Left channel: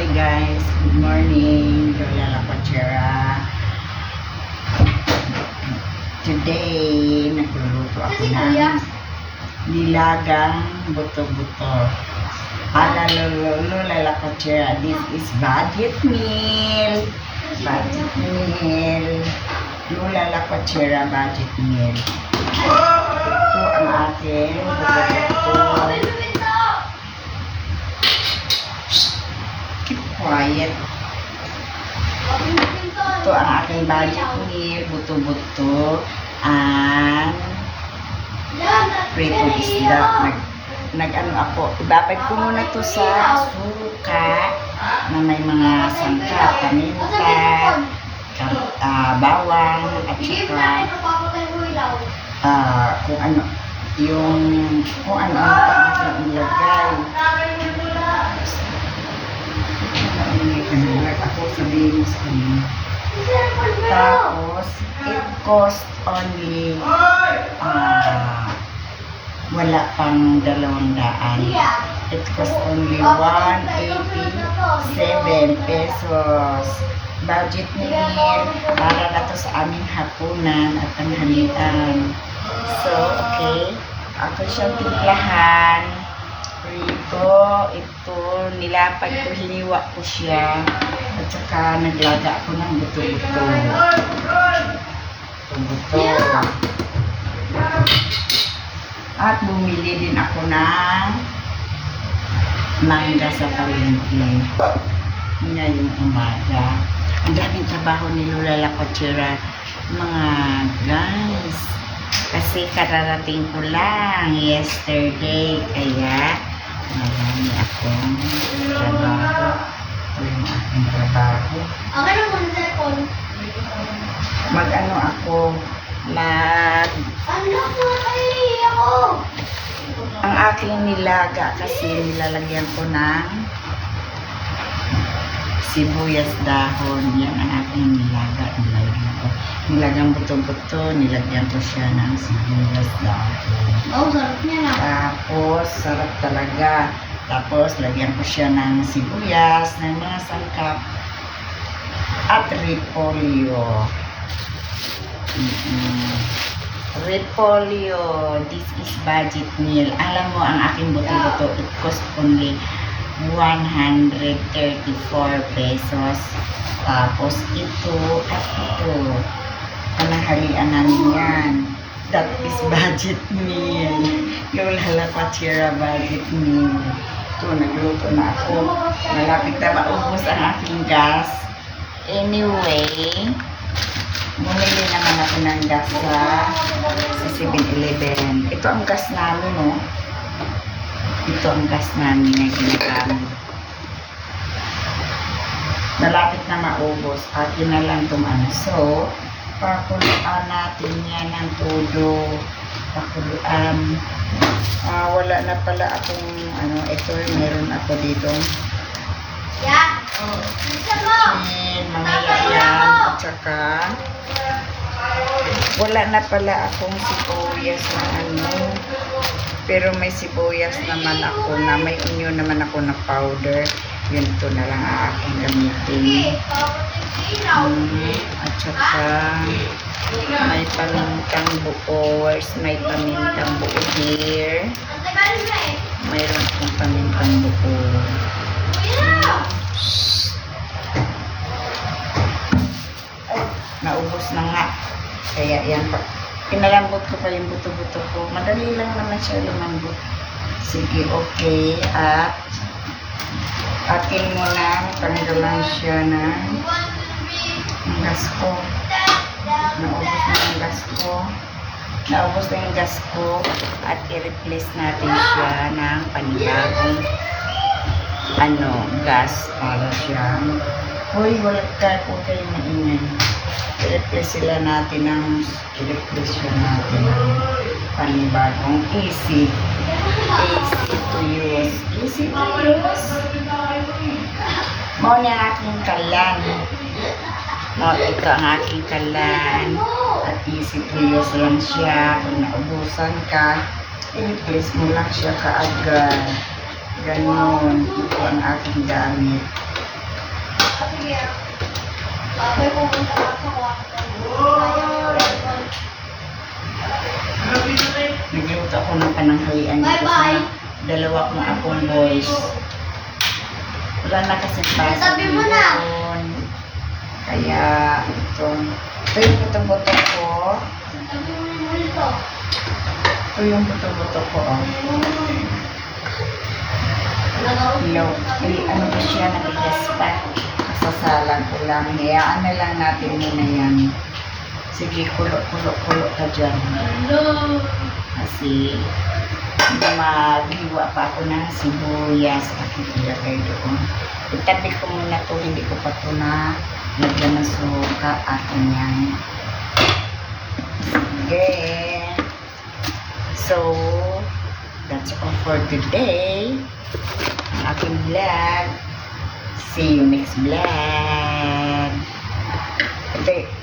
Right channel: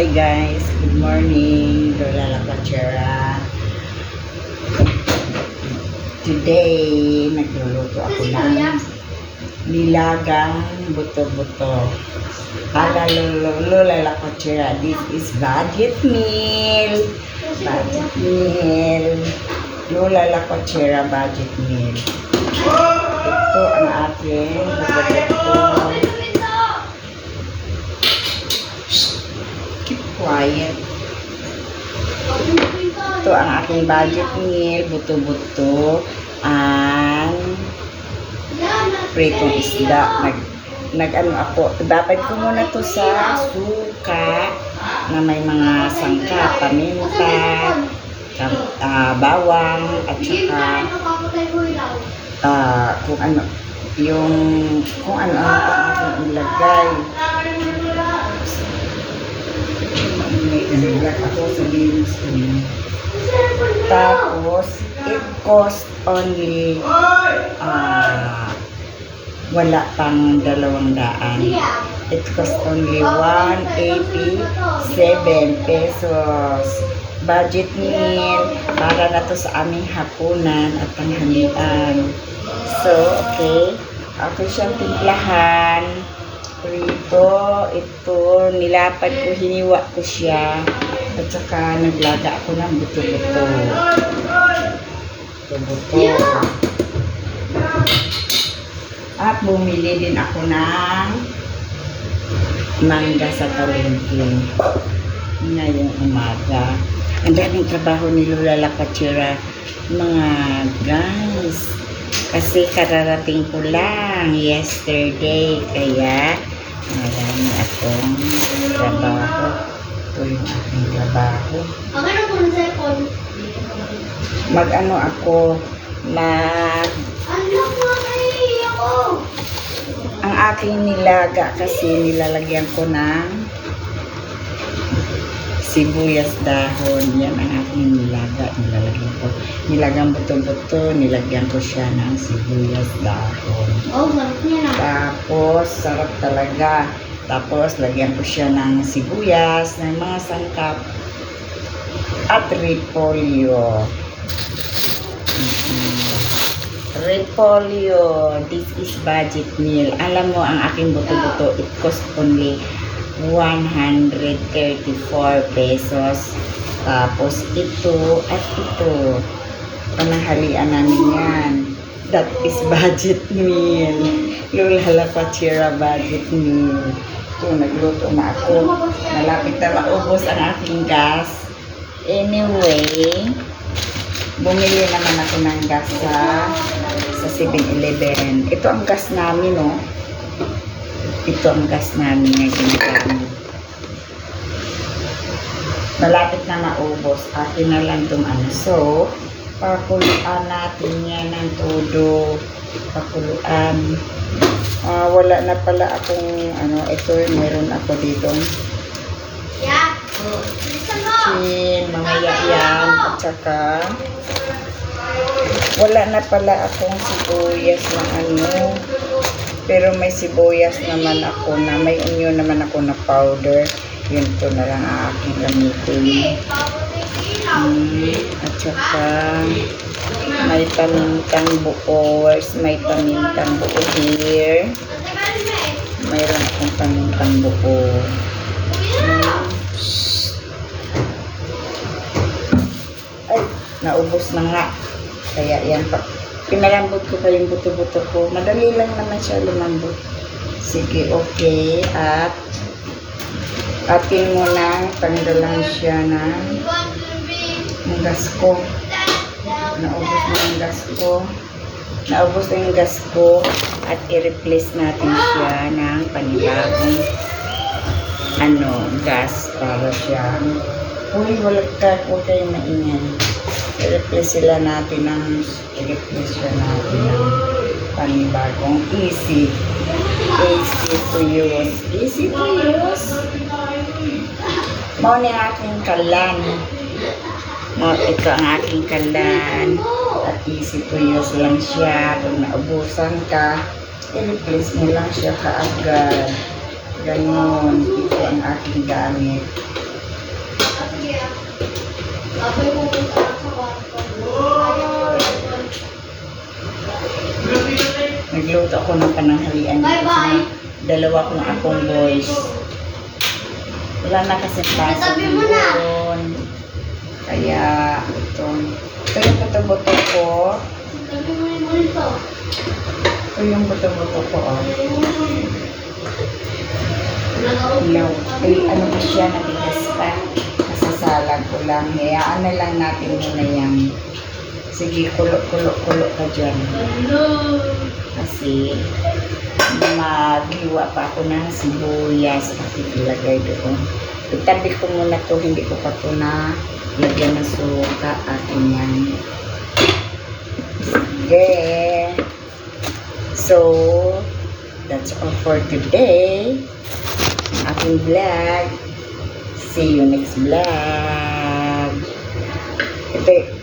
Hi guys, good morning. Lola Lapachera. Today, nagluluto ako ng nilagang buto-buto. Para Lola Lapachera, this is budget meal. Budget meal. Lola Lapachera budget meal. Ito ang ating buto-buto. Keep quiet. Ito ang aking budget meal, buto-buto, and pritong isda. Nag-ano ako, dapat ko muna to sa suka na may mga sangka, paminta, bawang, at saka kung ano, kung ano pa ilagay. Ako sabihin sa inyo. Tapos, it cost only wala pang 200. It cost only 187 pesos. Budget meal para na to sa aming hapunan at tanghalian. So, okay. Ako siyang timplahan. Prito, ito, nilapad ko, hiniwa ko siya. At saka naglaga ako ng buto-buto. Buto-buto. At bumili din ako ng mangga sa palengke ngayong umaga. Ang daming trabaho ni Lola Lapachera, mga guys. Kasi kararating ko lang yesterday, kaya marami akong trabaho. Ito yung aking trabaho. Okay na muna sa phone. Mag-ano ako, Anak mo, ay ako! ang aking nilaga kasi nilalagyan ko ng sibuyas dahon. Yan ang aking nilaga. Nilalagyan ko. Nilagang buto-buto, nilagyan ko siya ng sibuyas dahon. Oh, sarap niya na. Tapos, sarap talaga. Tapos, lagyan ko siya ng sibuyas, ng mga sangkap, at repolyo. Repolyo. This is budget meal. Alam mo, ang aking buto-buto, it cost only 134 pesos. Tapos, ito at ito. Pananghalian namin yan. That is budget meal. Lola Lapachera budget meal. Ito, nagluto na ako. Malapit na maubos ang aking gas. Anyway, bumili naman ako ng gas sa 7-Eleven. Ito ang gas namin, no? Ito ang gas namin na ginagamit. Malapit na maubos. Akin na lang itong ano. So, pakuluan natin yan ng todo. Pakuluan. Wala na pala akong ano. Ito, meron ako dito. Yeah. Chin, mamaya yan. At saka, wala na pala akong sibuyas na ano. Pero may sibuyas naman ako na, may onion naman ako na powder. Yun, ito na lang ang aking gamitin. At saka, may pamintang buo. Where's my pamintang buo here? Mayroon akong pamintang buo. Ay, naubos na nga. Kaya yan pa. Pinalambot ko pa yung buto-buto ko. Madali lang naman siya lumambot. Sige, okay. At atin mo lang tanggalan siya ng gas ko. Naubos na yung gas ko. Naubos na yung gas ko. At i-replace natin siya ng panibagong gas para siya. Uy, wala ka. Huwag kayong maingay. I-replace siya natin ng panibagong easy to use. Easy to use. Mo niya aking kalan. Ito ang aking kalan. At easy to use lang siya. Kung naubusan ka, i-replace mo lang siya kaagad. Ganon. Ito ang aking gamit. Kuya. Ako'y pupunta lang sa kwarto. Ayaw. Nagluto ako ng pananghalian. Bye-bye. Dalawa kong akong boys. Wala na kasi pasok Sabi mo na. yun. Kaya, ito yung buto-buto ko. Sabi mo yung multo. Ito yung buto-buto ko, oh. Nag-open. Ano ba siya, nabigas pa. Masasalag ko lang. Hayaan na lang natin muna yan. Sige, kulo-kulo-kulo ka dyan. Hello. Kasi, maghiwa pa ako ng sibuyas at ilagay doon. Itabi ko muna to, hindi ko pa to na lagyan ng suka atin yan. Sige. So, that's all for today. Ang aking vlog. See you next vlog. Ito,